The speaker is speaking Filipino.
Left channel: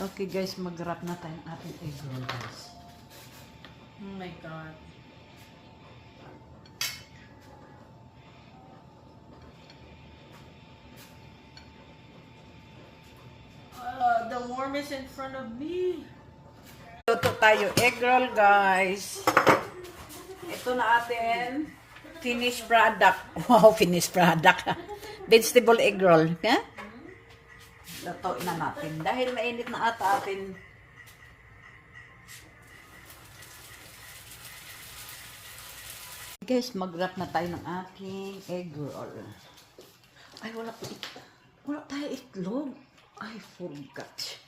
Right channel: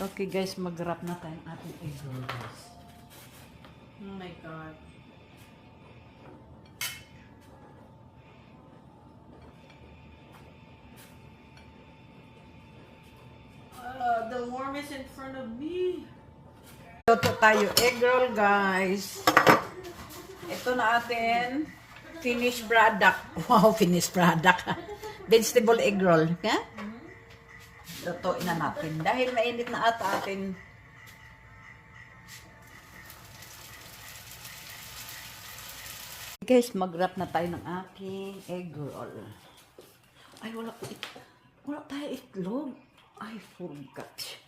Okay guys, mag-wrap na tayo ng ating egg roll guys. Oh my God. The worm is in front of me. Luto tayo egg roll guys. Ito na atin finished product. Wow, finished product. Vegetable egg roll. Ha? Lutuin na natin. Dahil mainit na ata atin. Guys, mag-wrap na tayo ng aking egg roll. Ay, wala tayo itlog. I forgot.